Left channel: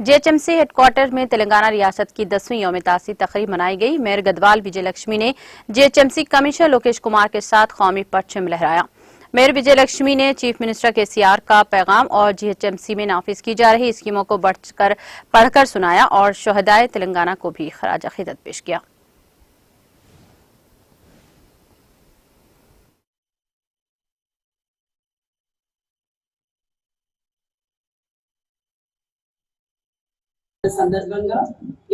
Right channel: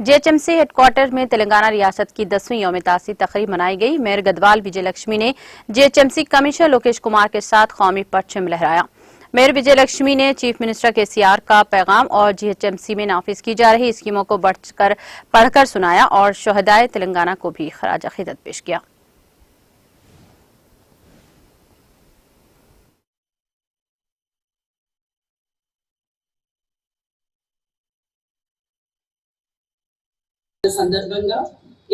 JHMC headquarter में तेलंगाना रियासत की 10वीं यौम तासीस तकरीब मनाई गई। मेयर गदवाल विजय लक्ष्मी ने जेएचएमसी कमिश्नर लोकेश कुमार के साथ कौमी परचम लहराया। मेयर विजय लक्ष्मी ने चीफ मिनिस्टर केसीआर का पैगाम और जेएचएमसी में नाफिज की जा रही स्कीमों को पढ़कर सुनाया और शोहदाए तेलंगाना को भी खराज अकीदत पेश किया। సందర్భంగా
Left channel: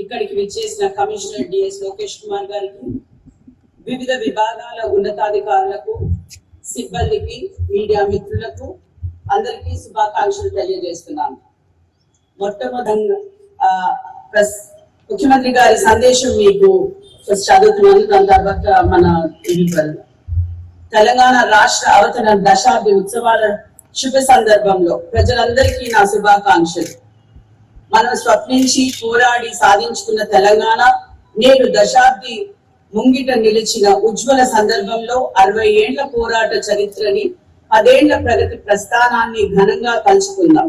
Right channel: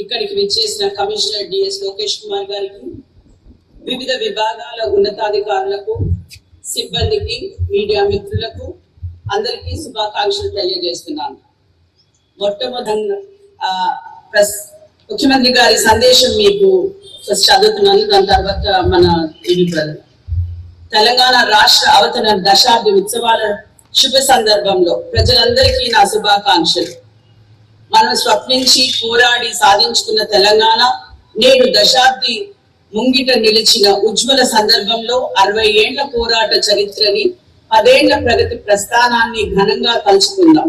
ఇక్కడికి విచ్చేసిన కమిషనర్ డిఎస్ లోకేష్ కుమార్ గారికి, వివిధ విభాగాల ఉన్నతాధికారులకు, సిబ్బందికి, మీడియా మిత్రులకు అందరికీ శుభాకాంక్షలు తెలియజేస్తున్నాను. మొట్టమొదటి ముఖ్యమంత్రి గారి సందేశం మీకు చదువుతున్నాను. దాని తర్వాత మన తెలంగాణ రాష్ట్ర అవతరణ దశాబ్ది ఉత్సవాల శుభ సందర్భంలో ప్రజలందరికీ నా శుభాకాంక్షలు. మనం స్వప్నించి పోరాడి సాధించుకున్న తెలంగాణ నేడు దశాబ్ది ముంగిట నిలిచిన ఉజ్వల సందర్భంలో 60 ఏళ్ల పోరాట చరిత్రని, 10 ఏళ్ల ప్రగతి ప్రస్థానాన్ని ఘనంగా తలుచుకుందాం.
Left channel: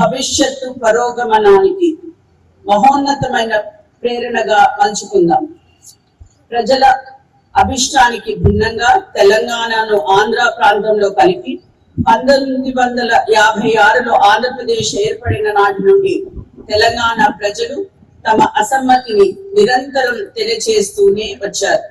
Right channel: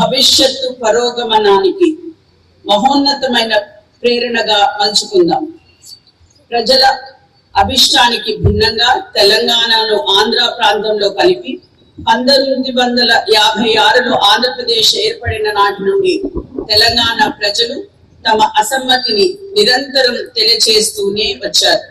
భవిష్యత్తు పరోగమనానికి మహోన్నతమైన ప్రేరణగా మలుచుకుందాం. ప్రజల అభిష్టానికి భిన్నంగా తెలంగాణను ఆంధ్ర ప్రాంతంలో కలిపి 1956లో ఆంధ్రప్రదేశ్ ఏర్పడిన నాటి నుండి తెలంగాణ ప్రజలు తమ అసమ్మతిని నిరంతరం తెలియజేస్తూనే వచ్చారు.